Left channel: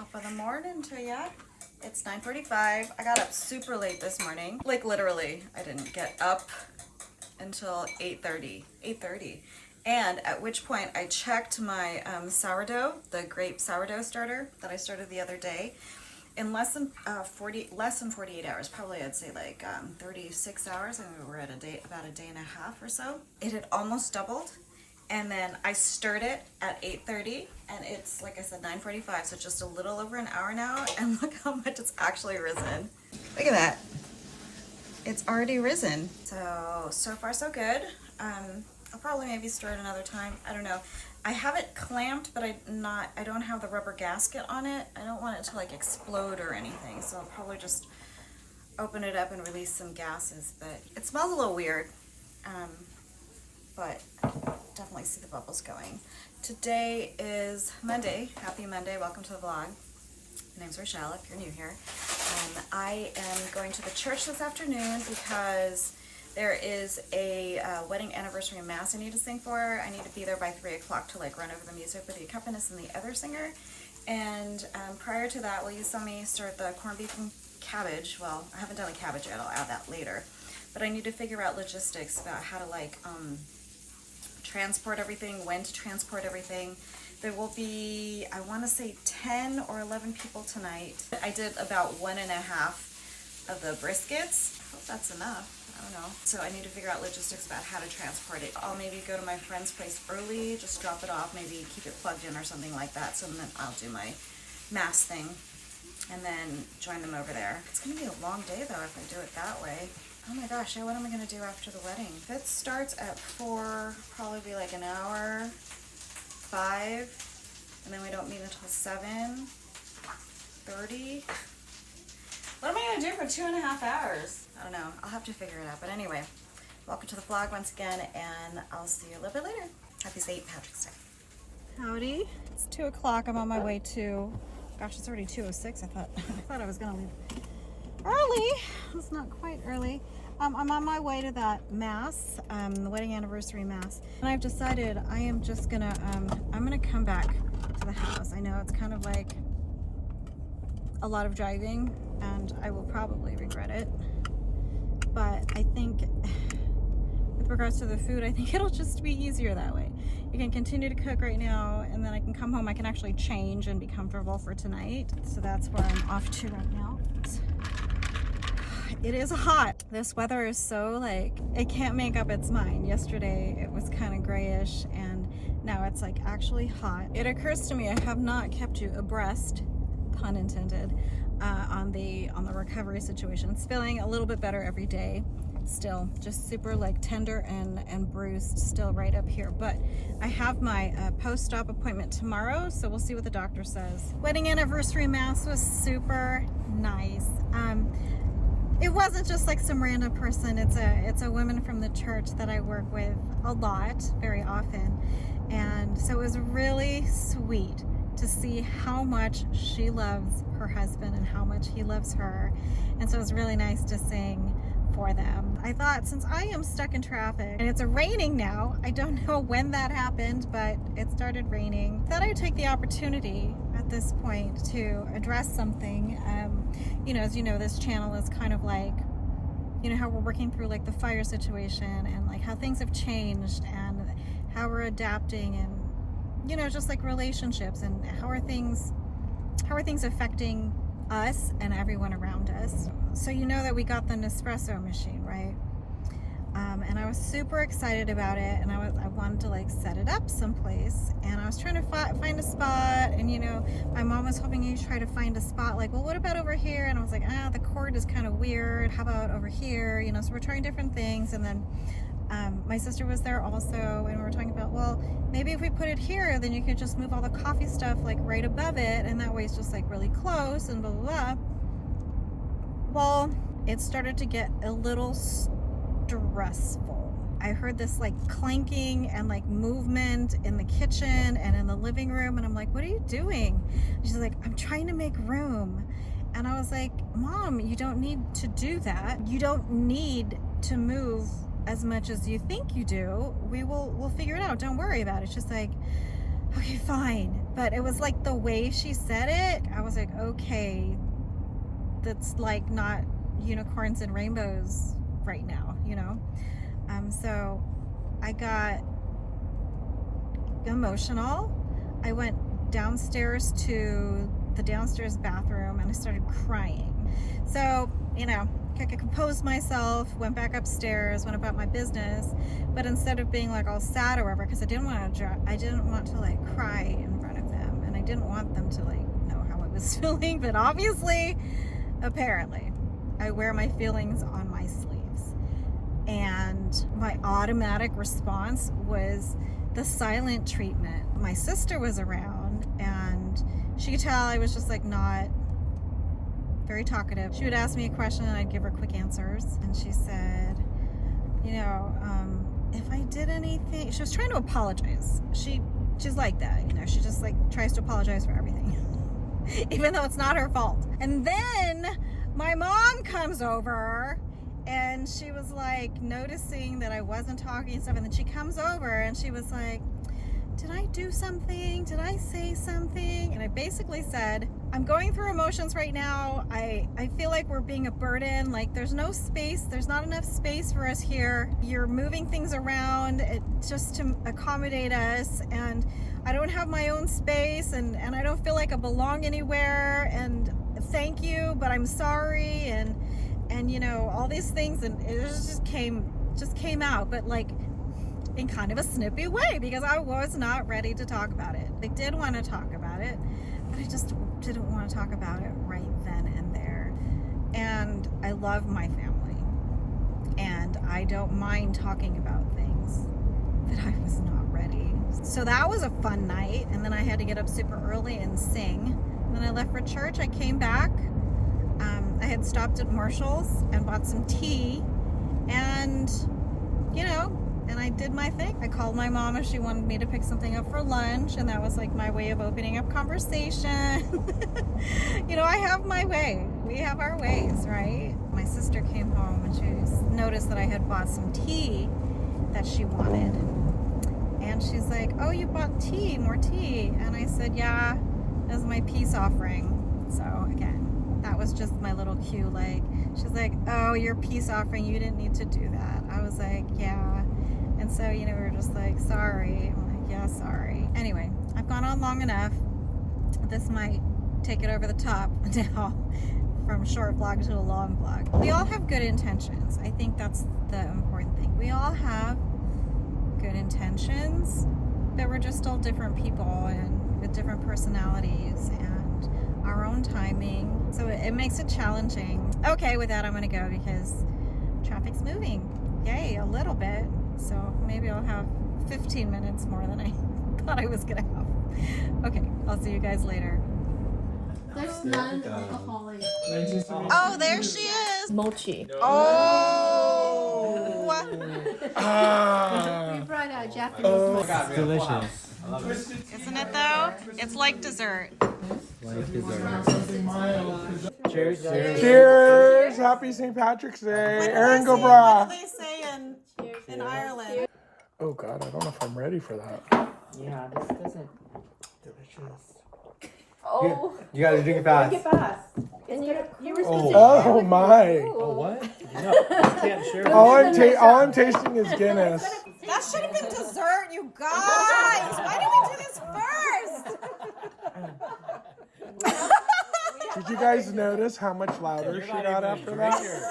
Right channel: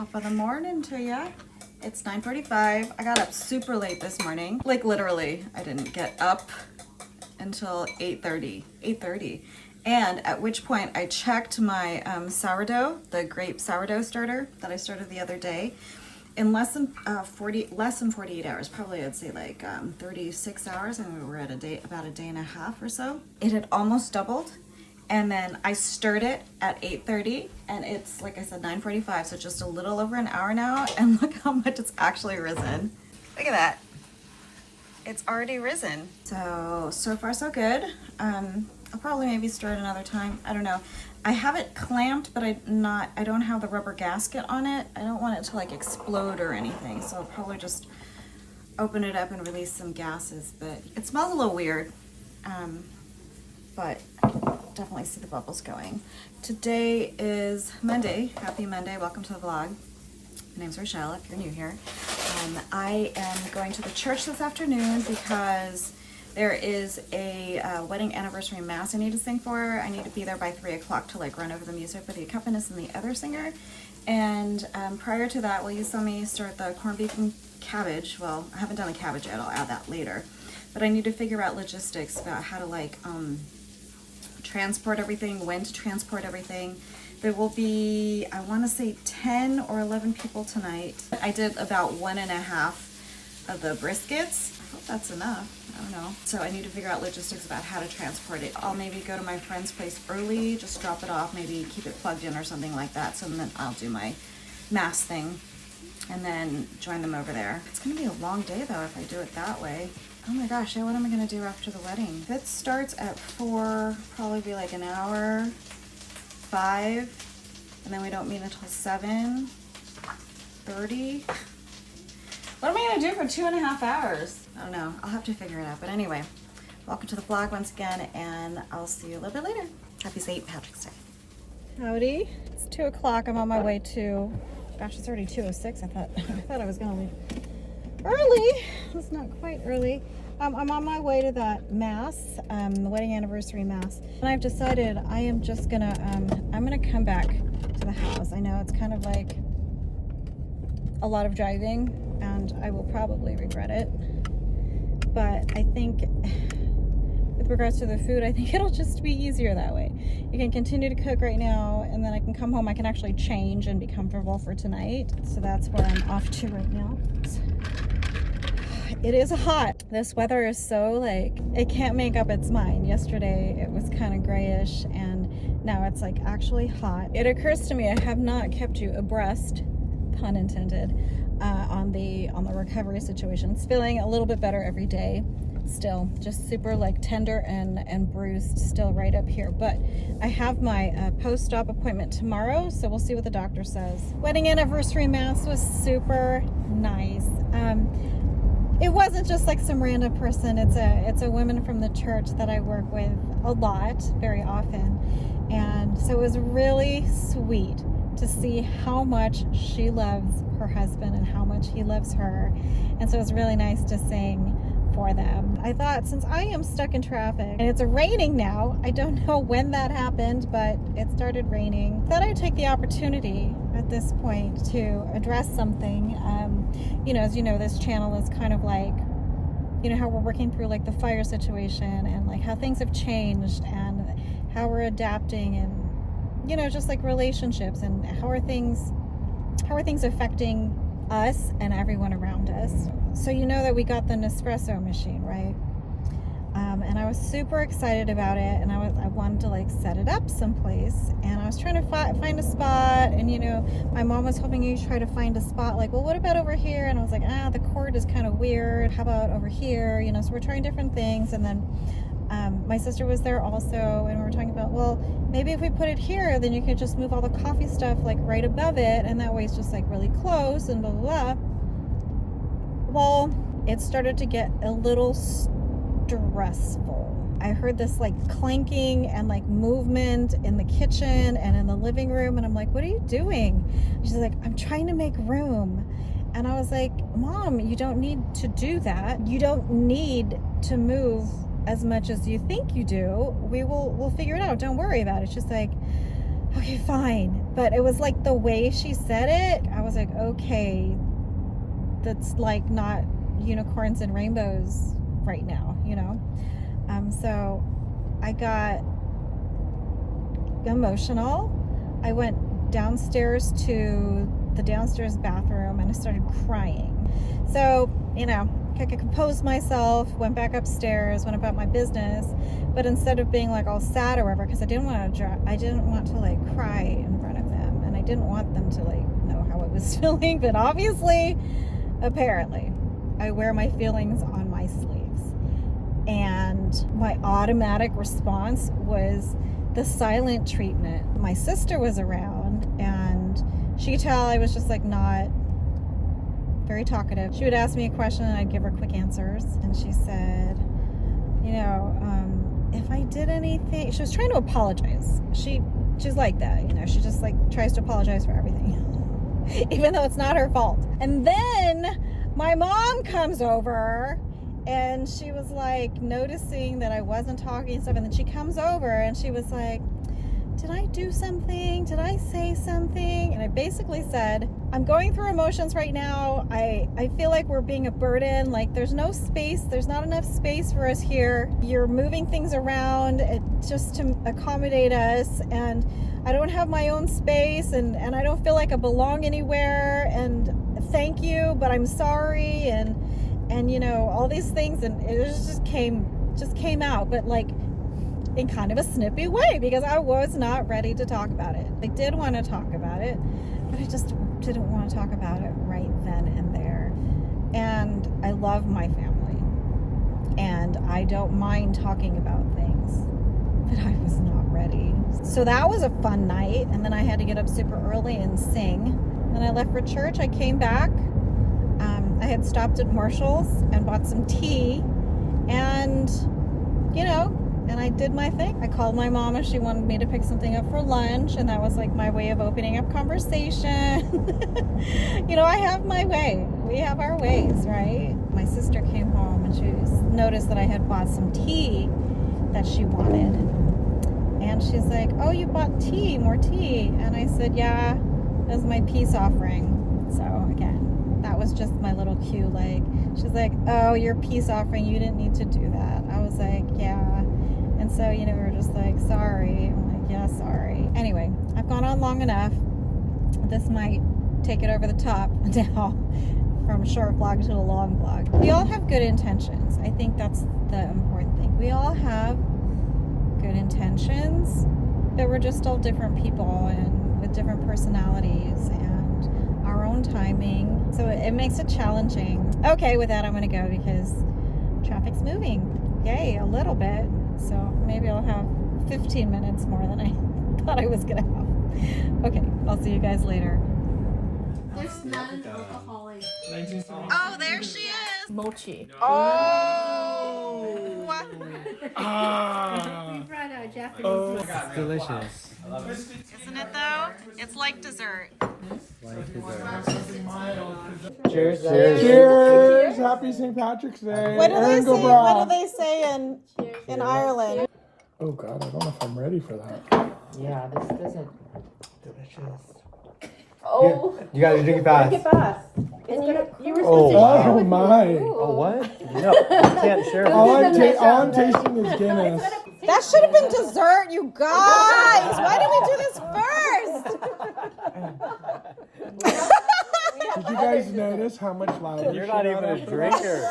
Top of the morning to ya. It's 9:45. I got up super late this morning. Like literally, I didn't get up until 8:30. And at which point I checked my sourdough, the grape sourdough starter that I started the other day. In less than 48 hours, probably I'd say like 36 hours. I think we were at about a day and a half or so. It had almost doubled. And then I stirred it at 8:30, and it's, like I said, 9:45, so just a little over an hour now, and look how much it's actually risen. Look at that. It's already risen. So far so good. I'll probably maybe stir it another time. I don't know. I have it clamped, but I don't have the rubber gasket on it. I don't want it to like explode or anything, so I'll probably just open it up and release some gases, but it smells a little weird. But definitely see the bubbles going. Today is Monday. Happy Monday. Welcome to the vlog. My name's Rachelle, if you're new here. I am going to the church this afternoon because there is a wedding anniversary mass I need to sing for. I need to be there by 3 o'clock to like run over the music with the accompanist and the other singer. And prior to that, you saw me start the corned beef and cabbage. Well, I haven't done the cabbage yet. I'll add that later. But I need to figure out logistics about how to like transport everything, when to transport everything. There will be, I want to say 10 or 11 people tonight. I did about 1.5 of the briskets. I hope that's enough. I don't know. So I need to figure out logistics about how to transport it. I'll maybe go to my friend's place early, just drop it off, maybe keep it plugged in or something like that. So then I'll do my mass thing and then join them over there. It's gonna be a long day though if I do it that way. Oh my gosh, what am I gonna do after the wedding? If it starts at 4, probably be like an hour, 5, and then we don't meet until 7:30. What am I gonna do for 2.5 hours? I don't know, I'll have to figure it out. But anyway, welcome to the vlog once again, and I'll see you a little bit later. Happy St. Patrick's Day. Howdy, it's 2 o'clock, I'm on my way to, gosh, it's already 2:06. I thought I was gonna leave early. It's not quite early. I'm on my way to that mass, the wedding anniversary mass, and I've decided I am just gonna I'm gonna come back to the house. I know it's kind of like a lot of driving and I will probably regret it, but I think with regards to the food, I think it'll just be easier that way. You can continue to cook right now, and then I can come home, I can actually change and be comfortable for tonight. So that's where I'm off to right now. It is hot. This weather is so like, it can't make up its mind. Yesterday it was kind of grayish, and now it's like actually hot. It occurs to me I have not kept you abreast, pun intended, on the recovery situation. It's feeling a little bit better every day. Still just super like tender and bruised still right up here, but I have my post-op appointment tomorrow, so we'll see what the doctor says. Wedding anniversary mass was super nice. It wasn't just like some random person. It's a woman from the church that I work with a lot, very often, and so it was really sweet to see how much she loves her husband and how much he loves her, and so it was really nice to sing for them. I thought, since I am stuck in traffic and it's raining now, I don't know when that happened, but it started raining, thought I'd take the opportunity at this point to address something. You know, as you know, this channel is kind of like, you know, how we're working through like the fire situation and like how things have changed and how we're adapting, and you know, just like relationships, and how are things affecting us and everyone around us. So you know that we got the Nespresso machine, right? And I was super excited about it, and I wanted to like set it up someplace, and I was trying to find a spot, and you know, my mom was hoping you try to find a spot like, well, what about over here? And I was like, the cord is kind of weird, how about over here? You know, so we're trying different things. And then my sister was there also, and we were talking about, well, maybe if we put it here, then you could just move all the coffee stuff like right above it, and that way it's just like really close and blah blah blah. Well, it started to get a little stressful. I heard this like clanking and like movement in the kitchen and in the living room, and I'm like, what are you doing? She's like, I'm trying to make room. And I was like, Mom, you don't need to do that. You don't need to move as much as you think you do. We'll figure it out. Don't worry about it. It's just like, okay, fine. But it was like the way she said it, I was like, okay, that's like not unicorns and rainbows right now, you know? So I got emotional. I went downstairs to the downstairs bathroom and I started crying. So, you know, I composed myself, went back upstairs, went about my business, but instead of being like all sad or whatever, because I didn't want to like cry in front of them, and I didn't want them to like know how I was feeling, but obviously, apparently, I wear my feelings on my sleeves. And my automatic response was the silent treatment. My sister was around and she could tell I was just like not very talkative. She would ask me a question and I'd give her quick answers. And she said, you know, if I did anything, she was trying to apologize. She's like that, you know, she just like tries to apologize for everything, even though it's not her fault. And then my mom comes over and she was like noticing that I wasn't talking and stuff. And then she comes over and she was like, did I do something? Did I say something? And I basically said, I'm going through emotions right now. I feel like we're being a burden. Like there's no space. There's not enough space for us here. You're moving things around just to accommodate us. And I don't have my own space and I don't feel like I belong anywhere. And thank you, but I'm sorry. And you know, all these things. And it just came out, but like, in kind of a snippy way, because I was not ready to talk about it. I did want to talk about it, but I just didn't want to talk about it right then and there. And I love my family, and I don't mind talking about things, but I was not ready. So that was a fun night, and then I had to get up super early and sing. And then I left for church. I came back. I had stopped at Marshall's and bought some tea, and you know, and I did my thing. I called my mom if she wanted me to pick something up for lunch, and that was like my way of opening up conversation. You know, I have my way. We have our ways, right? My sister came home and she noticed that I had bought some tea that she wanted. And she's like, oh, you bought tea, more tea. And I said, yeah, it was my peace offering. So again, that was just my little cue. Like, she's like, oh, your peace offering, you didn't need to do that. I was like, yeah. And so, you know, we were just like, sorry. I'm like, yeah, sorry. Anyway, I've gone on long enough. This might take it over the top now, from short vlog to a long vlog. We all have good intentions. I think that's the important thing. We all have good intentions, but we're just all different people and with different personalities and our own timing. So it makes it challenging. Okay, with that, I'm gonna go because traffic's moving. Yay, a little bit. So maybe I'll have 15 minutes more than I thought I was gonna have. Okay, I'll see you guys later. There's non-alcoholic. Oh, there she is. Mochi. Oh! We brought out Japanese mochi. It's delicious. Isn't it though? It's like dessert. Like dessert. Cheers. Cheers! Cheers! Happy St. Patrick's Day. What do Aaron, go they Brown. say in Ireland? Oh God, I don't know if I'm ready for that. Yeah, this isn't delicious. Oh, You gotta drink it fast. you were supposed to. Oh my! Oh, what? No, you can't share. All I'm tasting is Guinness. That should have been dessert, you guys. Why did we do this first? Did you guys notice how much louder You're she not got even a after drinker.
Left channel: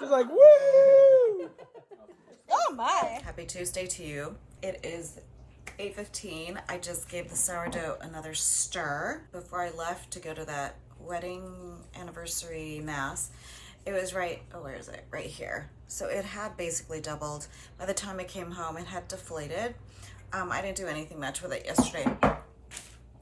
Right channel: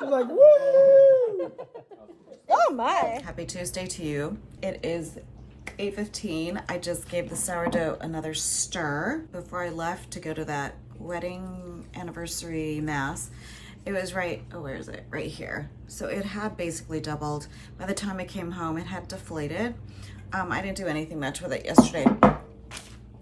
She's like, woo! Oh my. Happy Tuesday to you. It is 8:15. I just gave the sourdough another stir before I left to go to that wedding anniversary mass. It was right, oh, where is it? Right here. So it had basically doubled. By the time I came home, it had deflated. I didn't do anything much with it yesterday,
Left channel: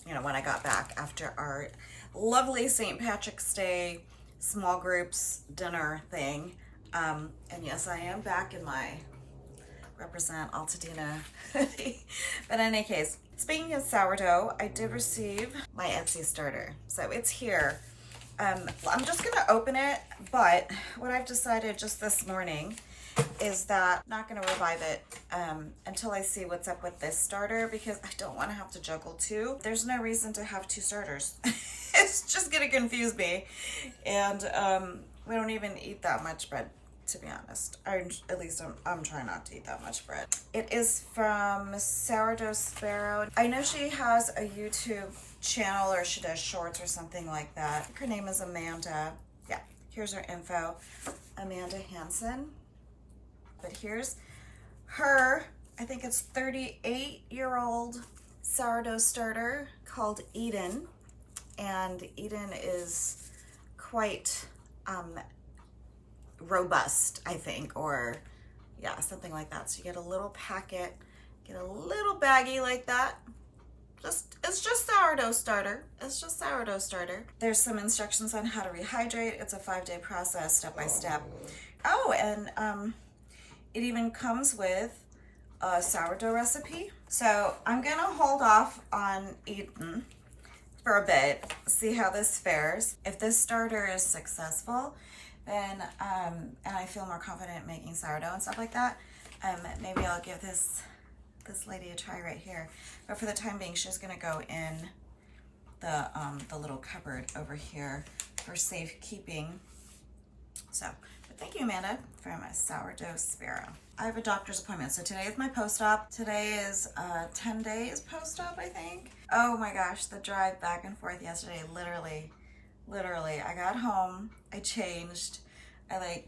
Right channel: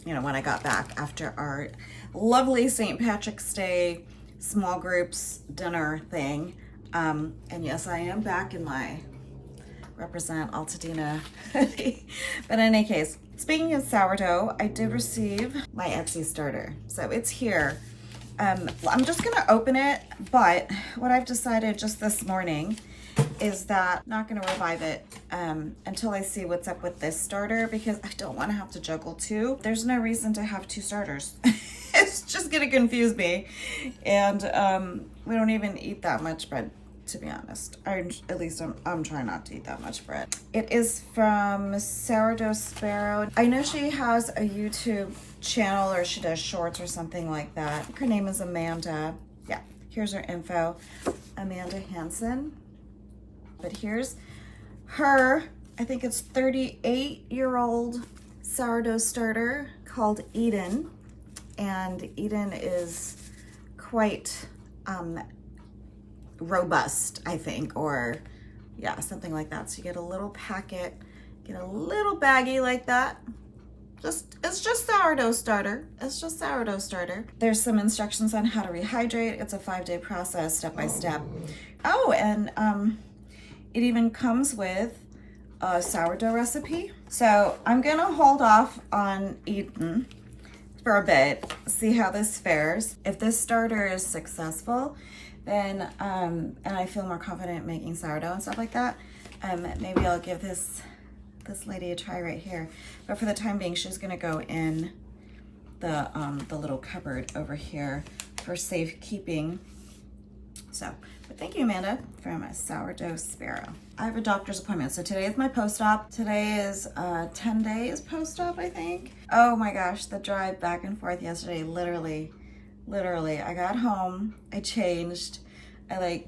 you know, when I got back after our lovely St. Patrick's Day small groups dinner thing. And yes, I am back in my represent Altadena hoodie. But in any case, speaking of sourdough, I did receive my Etsy starter. So it's here. I'm just gonna open it, but what I've decided just this morning is that I'm not gonna revive it until I see what's up with this starter, because I don't wanna have to juggle two. There's no reason to have two starters. It's just gonna confuse me. And we don't even eat that much bread, to be honest. At least I'm trying not to eat that much bread. It is from Sourdough Sparrow. I know she has a YouTube channel, or she does shorts or something like that. Her name is Amanda. Yeah, here's her info. Amanda Hansen. But here's her, I think it's 38-year-old sourdough starter called Eden. And Eden is quite robust, I think, or yeah, something like that. So you get a little packet, get a little baggie like that. It's just sourdough starter. It's just sourdough starter. There's some instructions on how to rehydrate. It's a 5-day process, step by step. Oh, and it even comes with a sourdough recipe. So I'm gonna hold off on Eden for a bit, see how this fares. If this starter is successful, then and I feel more confident making sourdough and stuff like that, maybe I'll give this lady a try right here. But for the time being, she's gonna go in the little cupboard over here for safekeeping. So, but thank you, Amanda, from a Sourdough Sparrow. I have a doctor's appointment, so today is my post-op. Today is 10 days post-op, I think. Oh my gosh, the drive back and forth yesterday, literally, I got home, I changed, I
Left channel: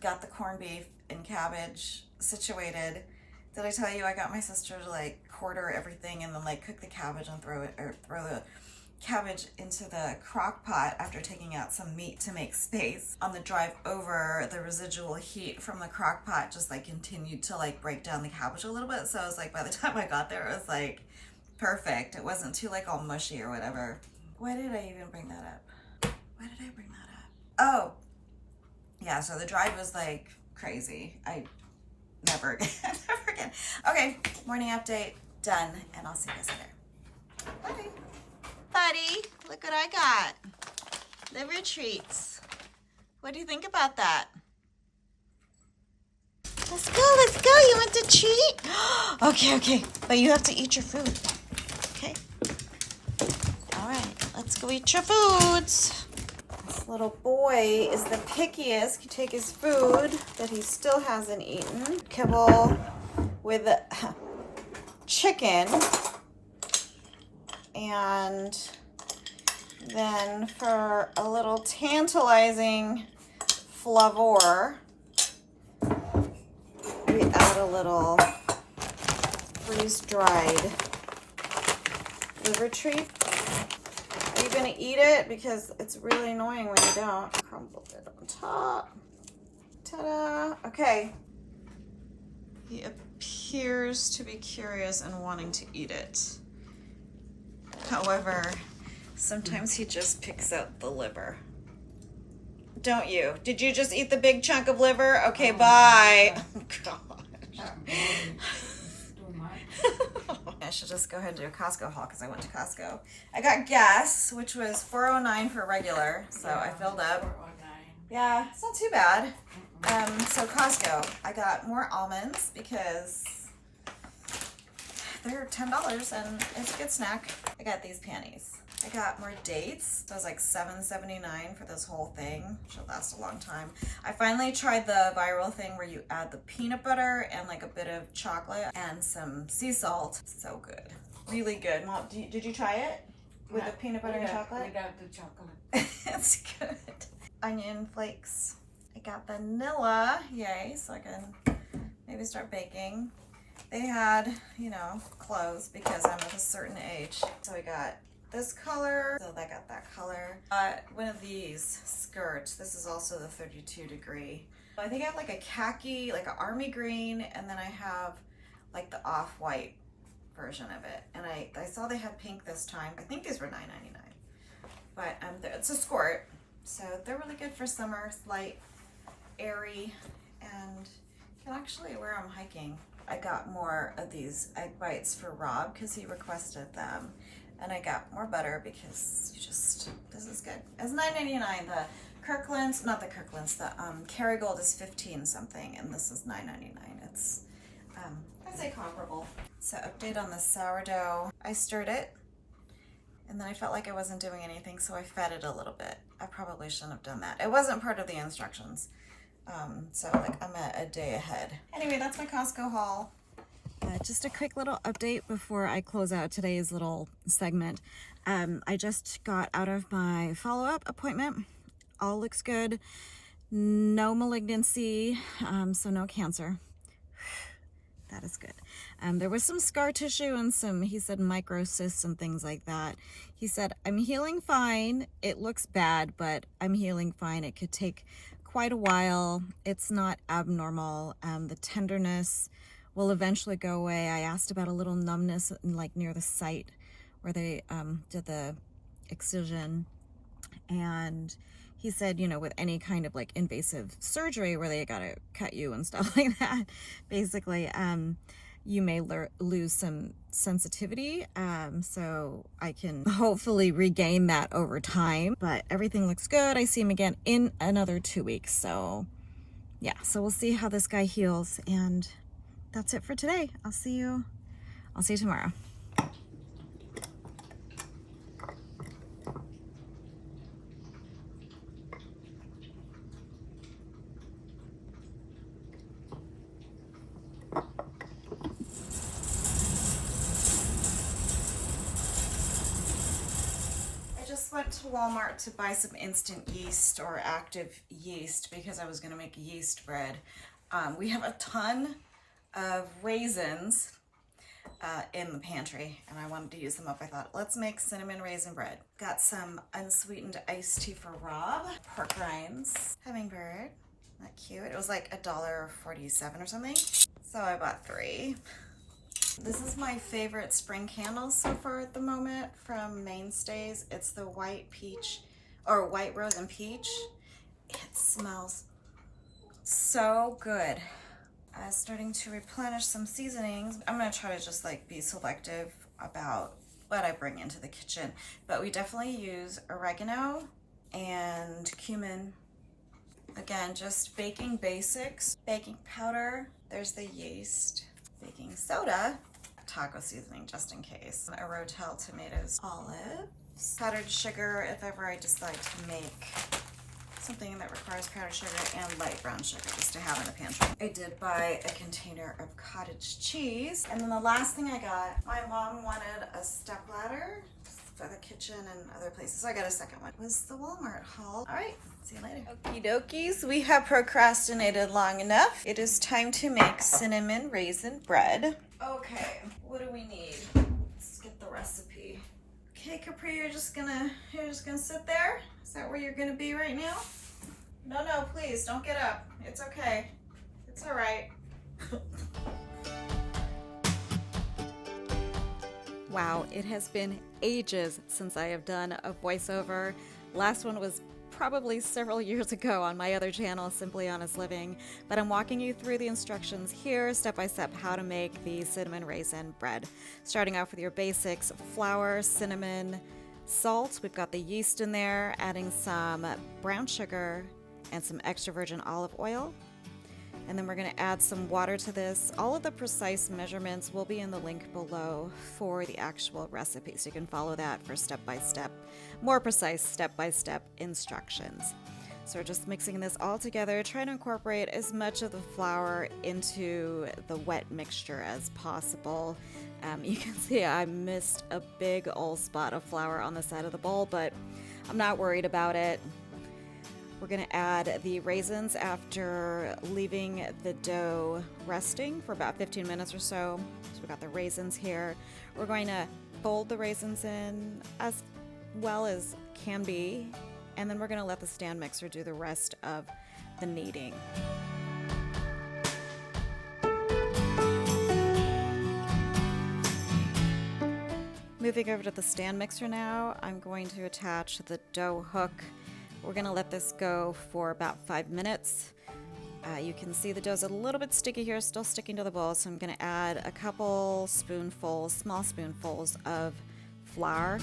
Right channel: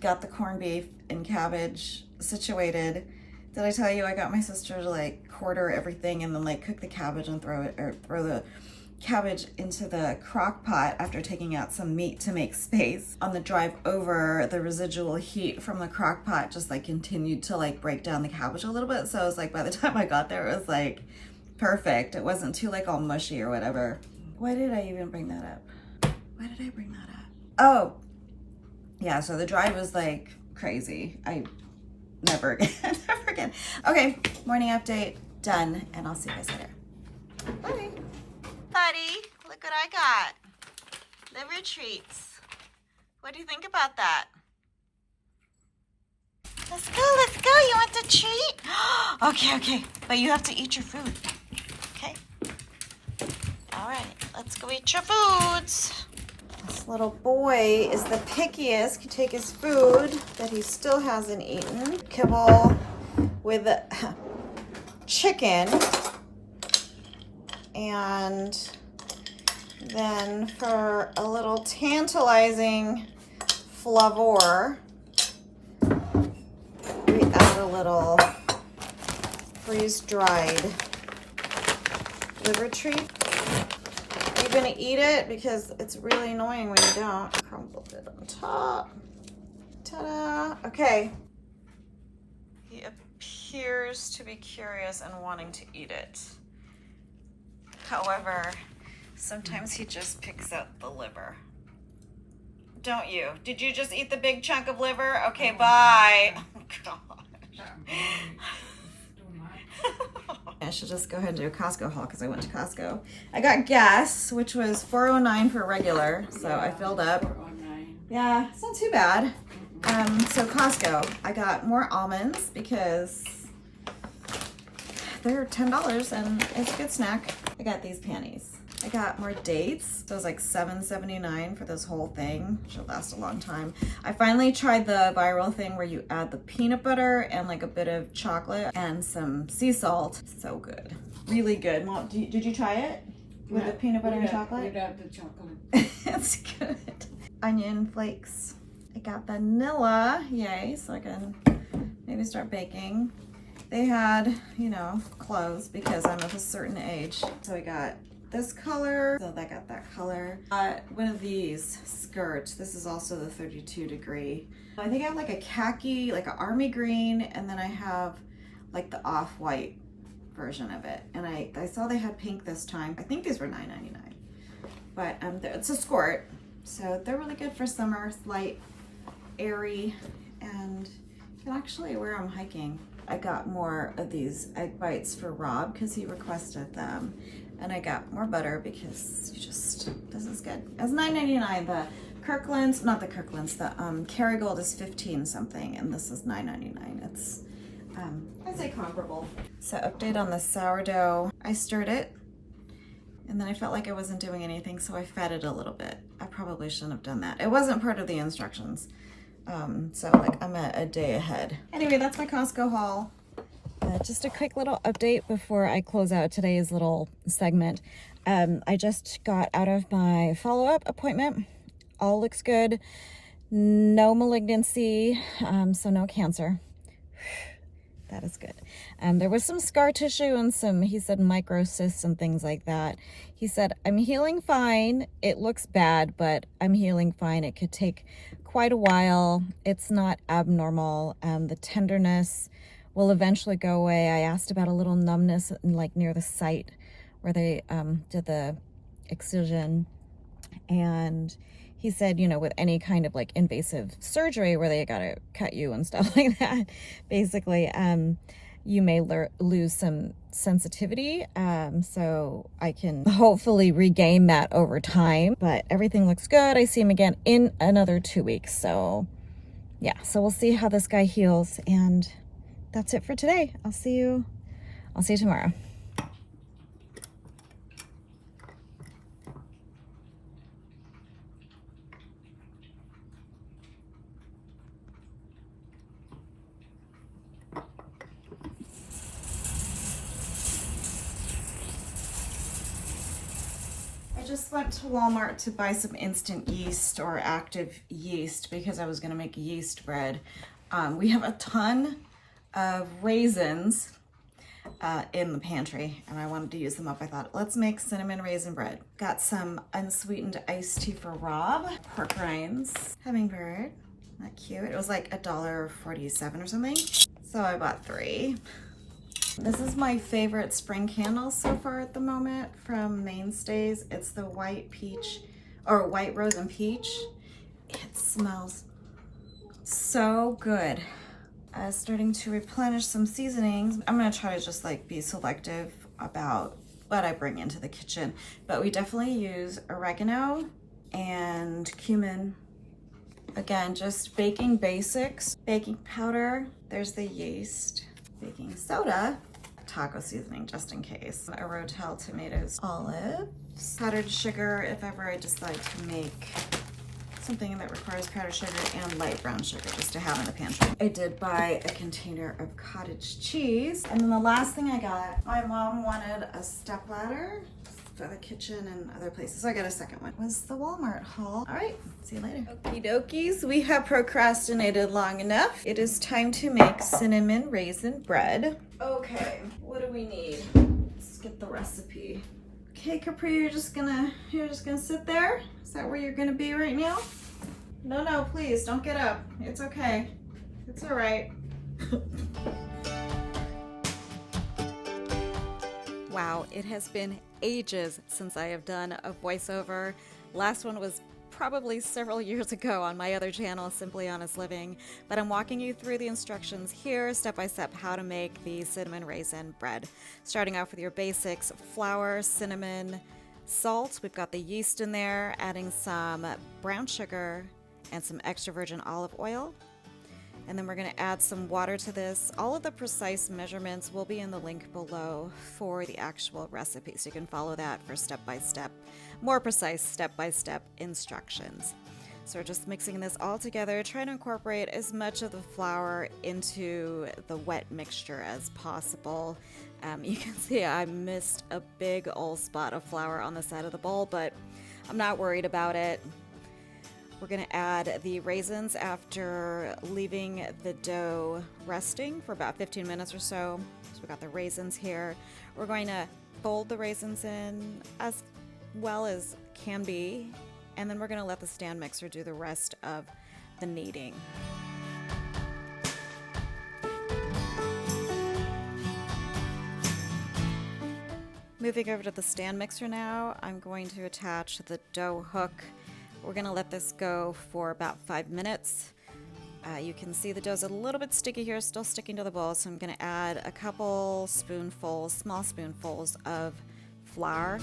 got the corned beef and cabbage situated. Did I tell you I got my sister to quarter everything and then cook the cabbage and throw the cabbage into the crock pot after taking out some meat to make space? On the drive over, the residual heat from the crock pot just continued to break down the cabbage a little bit. So it was by the time I got there, it was perfect. It wasn't too all mushy or whatever. Why did I even bring that up? Why did I bring that up? Oh, yeah, so the drive was crazy. Never again. Okay, morning update, done, and I'll see you guys later. Bye. Buddy, look what I got. Liver treats. What do you think about that? Let's go. You want the treat? Okay. But you have to eat your food. Okay? All right, let's go eat your foods. This little boy is the pickiest. He take his food that he still hasn't eaten. Kibble with chicken. And then for a little tantalizing flavor, we add a little freeze-dried liver treat. Are you gonna eat it? Because it's really annoying when you don't. Crumbled it on top. Ta-da! Okay. He appears to be curious and wanting to eat it. However, sometimes he just picks out the liver. Don't you? Did you just eat the big chunk of liver? Okay, bye. Oh, gosh. I should just go ahead and do a Costco haul because I went to Costco. I got gas, which was $4.09 for regular, so I filled up. Yeah, it's not too bad. So Costco, I got more almonds because they're $10 and it's a good snack. I got these panties. I got more dates. So it was $7.79 for this whole thing. Should last a long time. I finally tried the viral thing where you add the peanut butter and a bit of chocolate and some sea salt. So good. Really good. Mom, did you try it? With the peanut butter and chocolate? We got the chocolate. It's good. Onion flakes. I got vanilla. Yay. So I can maybe start baking. They had, clothes because I'm of a certain age. So I got this color. So I got that color. One of these skirts. This is also the 32 degree. I think I have a khaki, an army green, and then I have the off-white version of it. And I saw they had pink this time. I think these were $9.99. But it's a skirt. So they're really good for summer. It's light, airy, and you can actually wear them hiking. I got more of these egg bites for Rob because he requested them. And I got more butter because this is good. It's $9.99. The Kirkland's, not the Kirkland's, the Kerrygold is 15 something, and this is $9.99. It's, I'd say comparable. So update on the sourdough. I stirred it, and then I felt like I wasn't doing anything, so I fed it a little bit. I probably shouldn't have done that. It wasn't part of the instructions. So like I'm a day ahead. Anyway, that's my Costco haul. Just a quick little update before I close out today's little segment. I just got out of my follow-up appointment. All looks good. No malignancy, so no cancer. That is good. There was some scar tissue and some, he said, microcysts and things like that. He said, I'm healing fine. It looks bad, but I'm healing fine. It could take quite a while. It's not abnormal. The tenderness will eventually go away. I asked about a little numbness like near the site where they did the excision, and he said, you know, with any kind of like invasive surgery where they gotta cut you and stuff like that, basically, you may lose some sensitivity, so I can hopefully regain that over time. But everything looks good. I see him again in another 2 weeks, so yeah, so we'll see how this guy heals. And that's it for today. I'll see you tomorrow. I just went to Walmart to buy some instant yeast or active yeast because I was going to make yeast bread. We have a ton of raisins in the pantry, and I wanted to use them up. I thought, let's make cinnamon raisin bread. Got some unsweetened iced tea for Rob, pork rinds, hummingbird, not cute. It was like $1.47 or something, so I bought 3. This is my favorite spring candle so far at the moment from Mainstays. It's the white peach, or white rose and peach. It smells so good. Starting to replenish some seasonings. I'm gonna try to just like be selective about what I bring into the kitchen, but we definitely use oregano and cumin. Again, just baking basics. Baking powder, there's the yeast. Baking soda, taco seasoning just in case. A Rachelle tomatoes, olives, powdered sugar if ever I decide to make something that requires powdered sugar, and light brown sugar just to have in the pantry. I did buy a container of cottage cheese. And then the last thing I got, my mom wanted a stepladder for the kitchen and other places, so I got a second one. Was the Walmart haul. All right, see you later. Okie dokies, we have procrastinated long enough. It is time to make cinnamon raisin bread. Okay, what do we need? Let's get the recipe. Okay, Capri, you're just gonna sit there? Is that where you're gonna be right now? No, please, don't get up. It's okay. It's all right. Wow, it has been ages since I have done a voiceover. Last one was probably several years ago on my other channel, Simply Honest Living, but I'm walking you through the instructions here, step by step, how to make the cinnamon raisin bread. Starting off with your basics: flour, cinnamon, salt. We've got the yeast in there, adding some brown sugar and some extra virgin olive oil. And then we're going to add some water to this. All of the precise measurements will be in the link below for the actual recipe, so you can follow that for step-by-step, more precise step-by-step instructions. So we're just mixing this all together, trying to incorporate as much of the flour into the wet mixture as possible. You can see I missed a big old spot of flour on the side of the bowl, but I'm not worried about it. We're going to add the raisins after leaving the dough resting for about 15 minutes or so. So we've got the raisins here. We're going to fold the raisins in as well as can be, and then we're going to let the stand mixer do the rest of the kneading. Moving over to the stand mixer now, I'm going to attach the dough hook. We're going to let this go for about 5 minutes. You can see the dough's a little bit sticky here, still sticking to the bowl, so I'm going to add a couple spoonfuls, small spoonfuls of flour.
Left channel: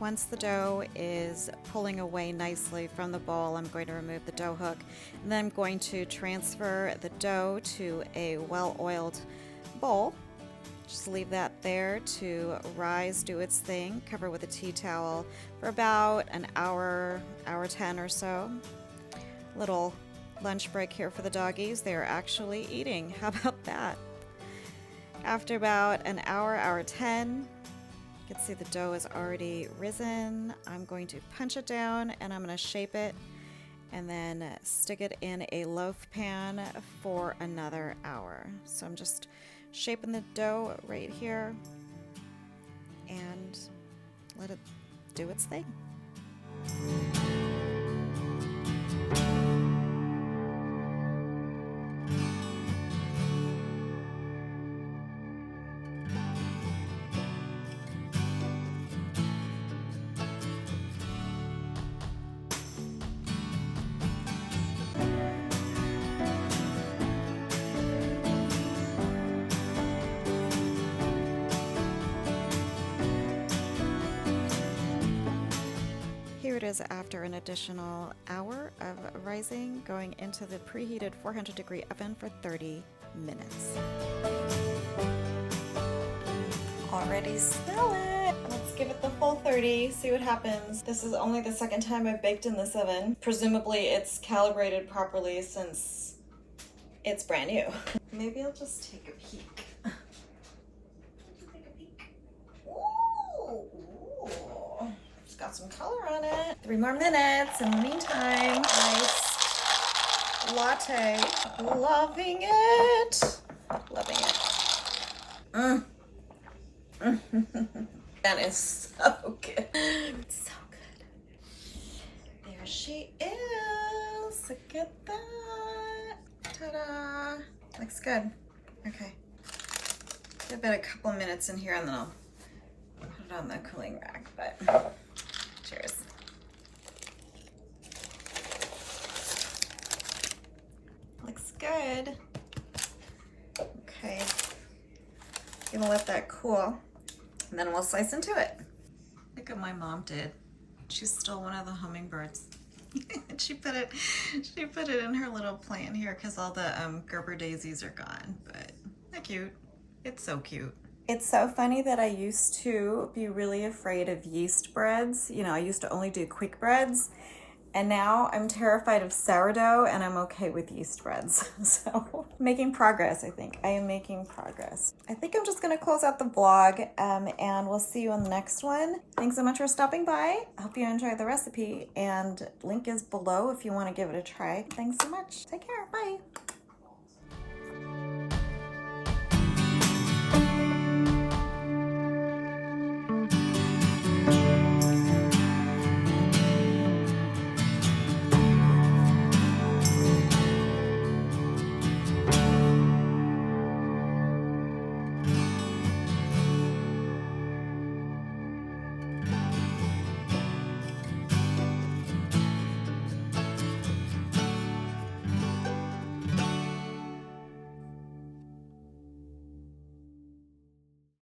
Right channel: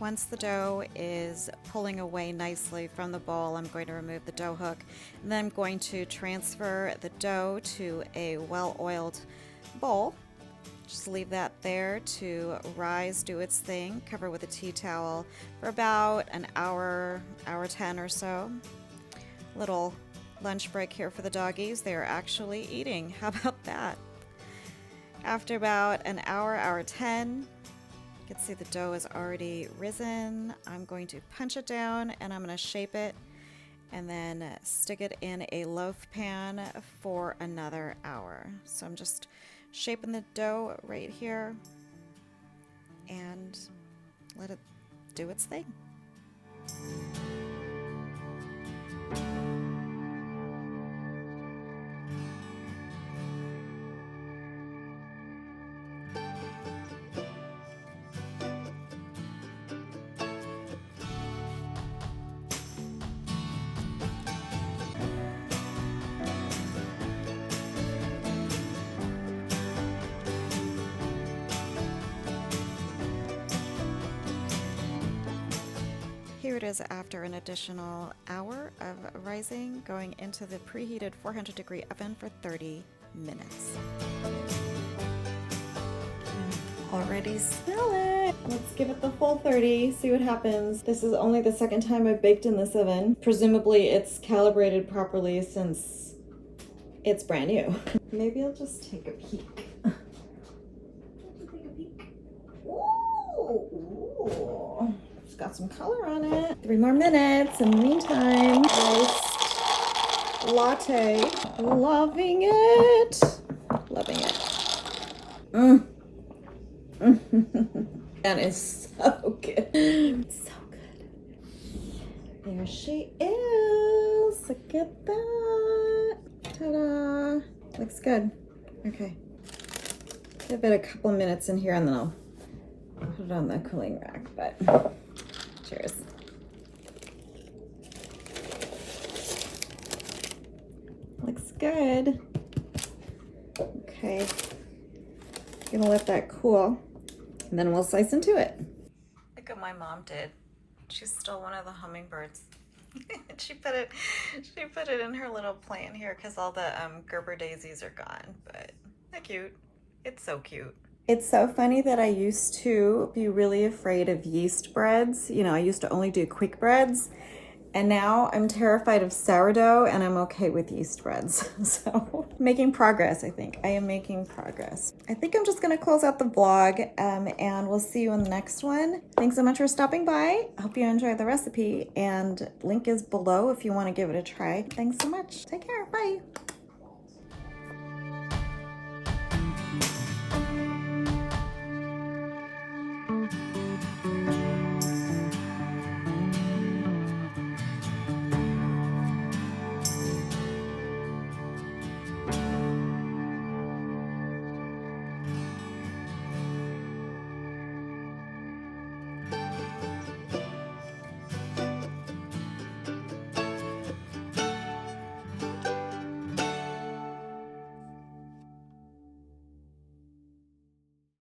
Once the dough is pulling away nicely from the bowl, I'm going to remove the dough hook, and then I'm going to transfer the dough to a well-oiled bowl. Just leave that there to rise, do its thing, cover with a tea towel for about an hour, hour 10 or so. Little lunch break here for the doggies. They are actually eating. How about that? After about an hour, hour 10, you can see the dough is already risen. I'm going to punch it down and I'm going to shape it and then stick it in a loaf pan for another hour. So I'm just shaping the dough right here and let it do its thing. Here it is after an additional hour of rising, going into the preheated 400-degree oven for 30 minutes. Already smell it. Let's give it the full 30, see what happens. This is only the second time I've baked in this oven. Presumably it's calibrated properly since it's brand new. Maybe I'll just take a peek. Ooh. It's got some color on it. 3 more minutes. In the meantime, iced latte. Loving it. Loving it. That is so good. So good. There she is. Look at that. Ta-da. Looks good. Okay. Give it a couple of minutes in here and then I'll put it on the cooling rack, but cheers. Looks good. Okay. Gonna let that cool and then we'll slice into it. Look what my mom did. She stole one of the hummingbirds. And she put it in her little plant here because all the Gerber daisies are gone. But they're cute. It's so cute. It's so funny that I used to be really afraid of yeast breads. You know, I used to only do quick breads. And now I'm terrified of sourdough and I'm okay with yeast breads. So making progress, I think. I am making progress. I think I'm just gonna close out the vlog and we'll see you on the next one. Thanks so much for stopping by. I hope you enjoyed the recipe and link is below if you wanna give it a try. Thanks so much. Take care, bye.